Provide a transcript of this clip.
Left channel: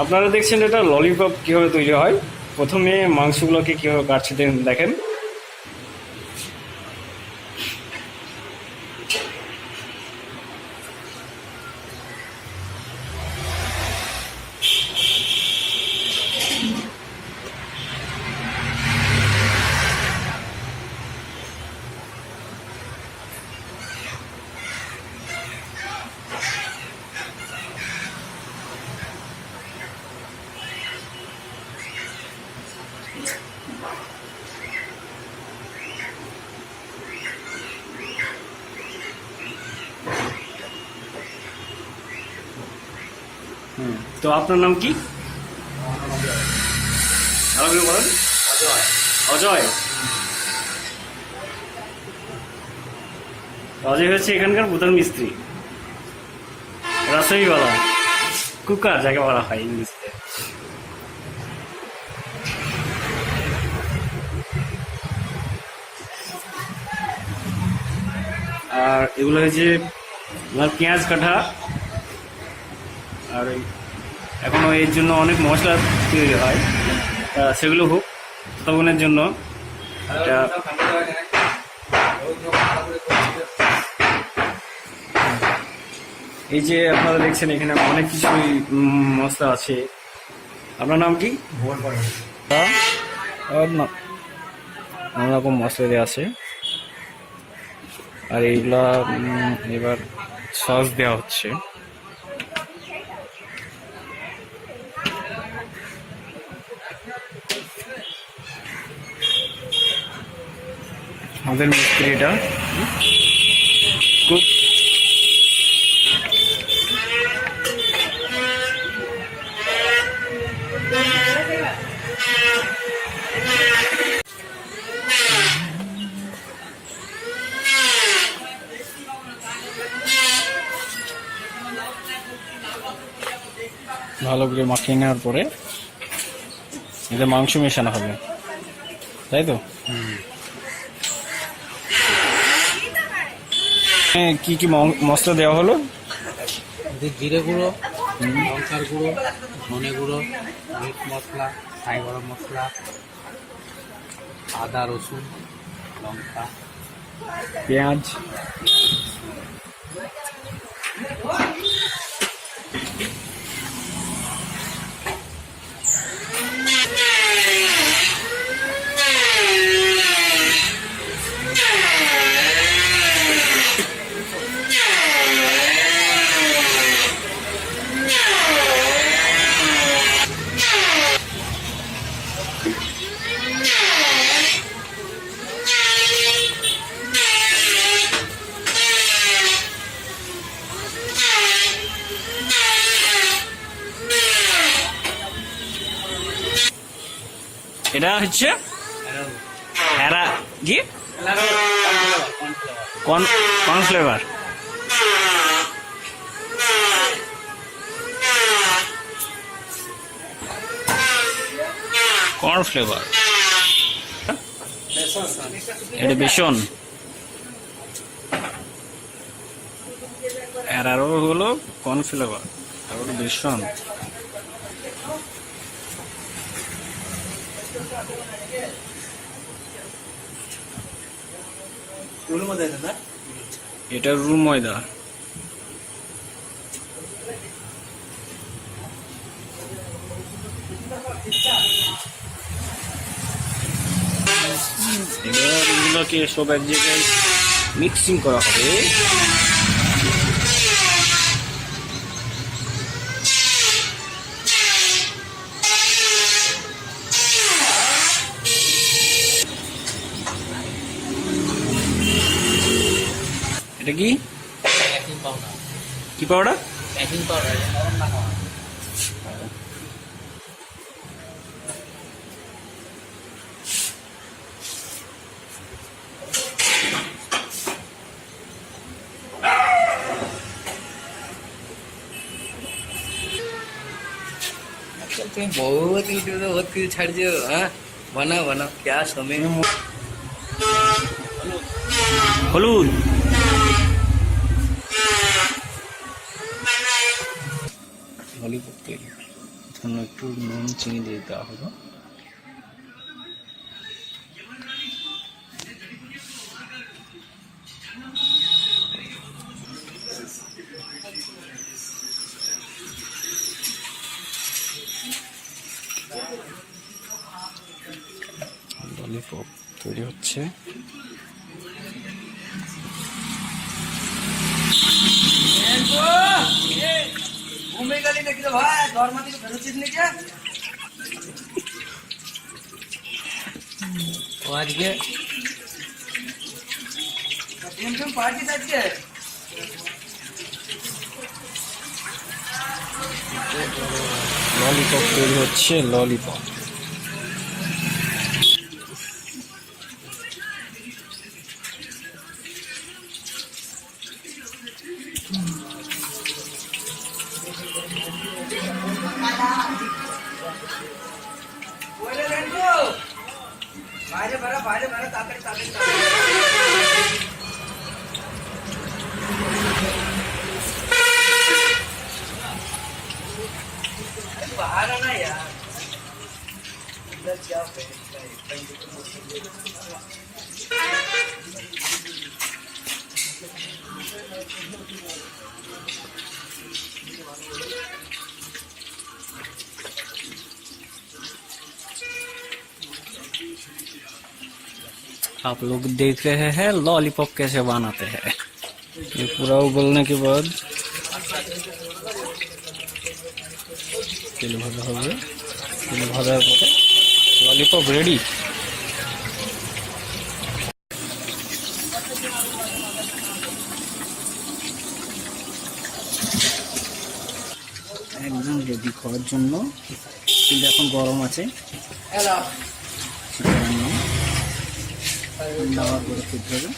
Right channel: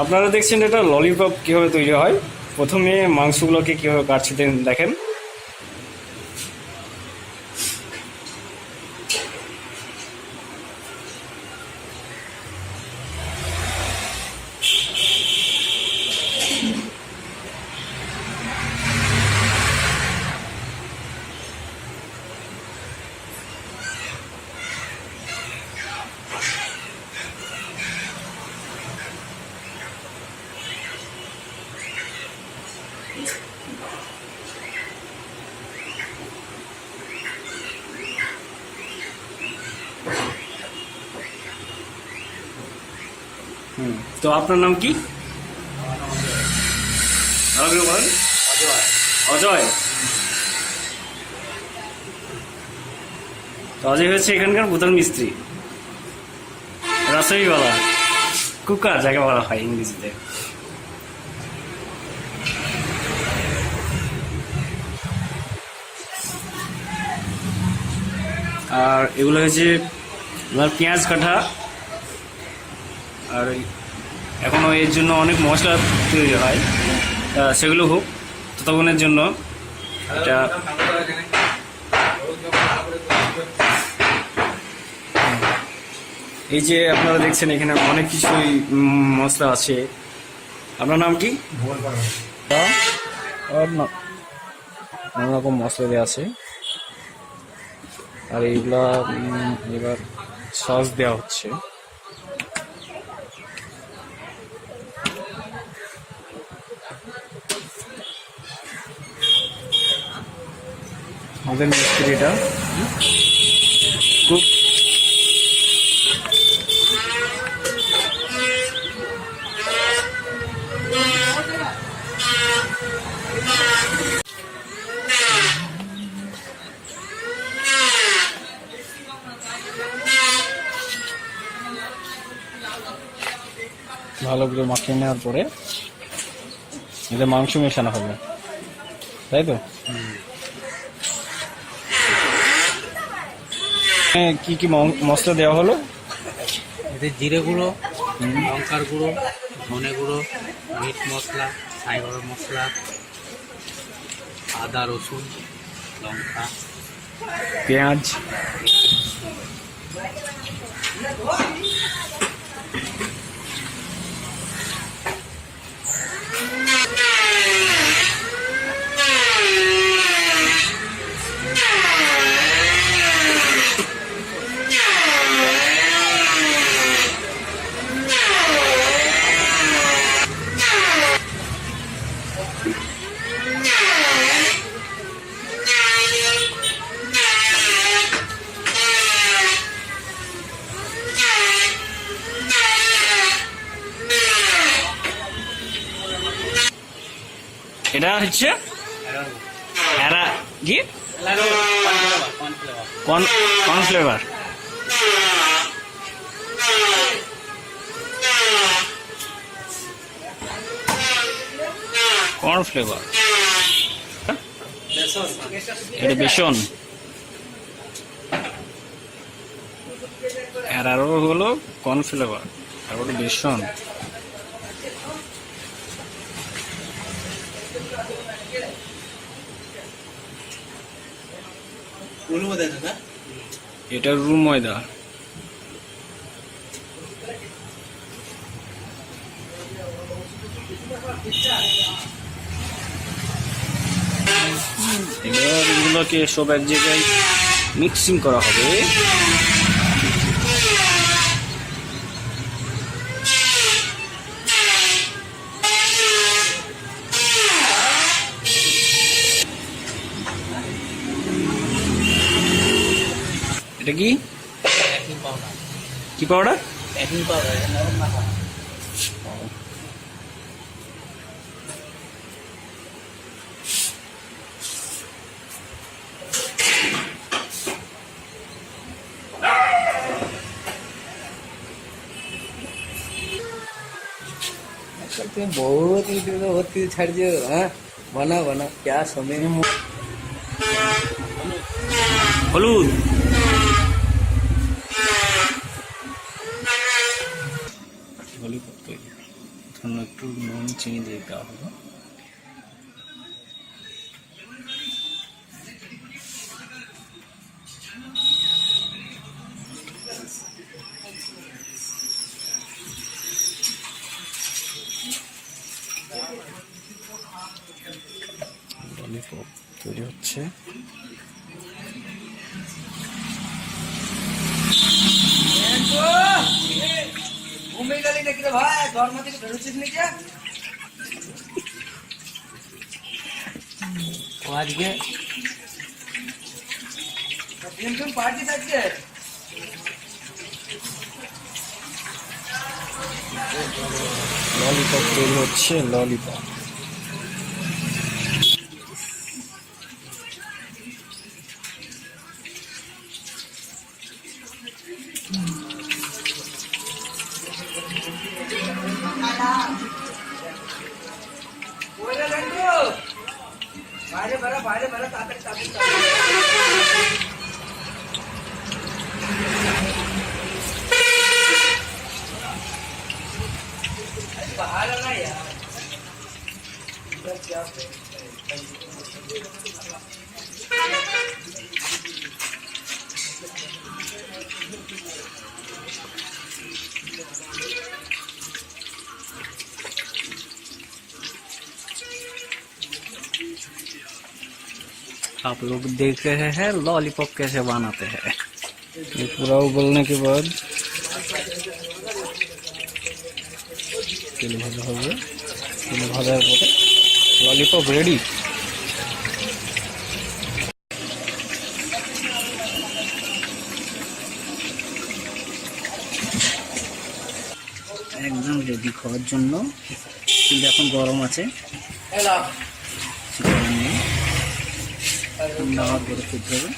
আপনারা দেখছেন এটা ললিপপ কিভাবে তৈরি হয়। প্রথমে মাংসগুলোকে কিভাবে কাটছে দেখেন। তো আপনার নাম কি? বলেন। অজয়। অজয় হচ্ছে এখানকার প্রধান মিস্ত্রি, রসইওয়ালা, কুকার যাকে বলা হয় ইংরেজিতে। আর এগুলো হচ্ছে পেঁয়াজ কাটা, আর এখনো এর জন্য অনেক মশলা তৈরি হয়, সেগুলো হোক ততক্ষণের জন্য এটা এই যে আপনারা দেখছেন এখানে অনেক কিছুই মশলা আছে। আপনার নাম কি? নানা রকম মশলা দেওয়া আছে। আর এইগুলা এবার সস দেওয়া হচ্ছে। আমাদের মিস্ত্রিটা খুব ভালো করে মাখিয়ে নেওয়ার পরে এতে মাংস মেশানো হবে, তাই তো? কি কি মশলা দেওয়া হলো? এতে জিরে গুঁড়ো, লঙ্কার গুঁড়ো, ধনে গুঁড়ো, মিট মশলা, ছাই গরম মশলা, আদা রসুন লঙ্কা, পেঁয়াজ, এটা হচ্ছে কি কর্নফ্লেভার। কর্নফ্লেভার এটা বেসন, আরো হলো কর্নফ্লেভার, আর হলো বেসন। এটা রুল ময়দা। এবার এগুলোকে সব এক জায়গায় মিক্সিং করা হবে। এটা কি কি পাউডার? तुम बहुत कुछ छाड़ दियो। हाँ बनाओ बनाओ क्या समय হলুদ, ললিপপ তৈরি। একটু নুন চিনি দিয়ে দেওয়া হলো। ললিপপ তৈরি হচ্ছে। আজকে ললিপপ তৈরি হচ্ছে, ললিপপ। बाहर आना यार, इधर क्या आप लोग देख रहे हैं लॉलीपॉप कैसे बनाते हैं। ये पूरा उबलने के बाद तेल भाजा हो गया। तेल भाजार परे लॉलीपॉप रेडी। একদম রেডি খাওয়ার জন্য, কিন্তু এখন গরম আছে, ঠান্ডা হওয়ার পরে খেতে হবে।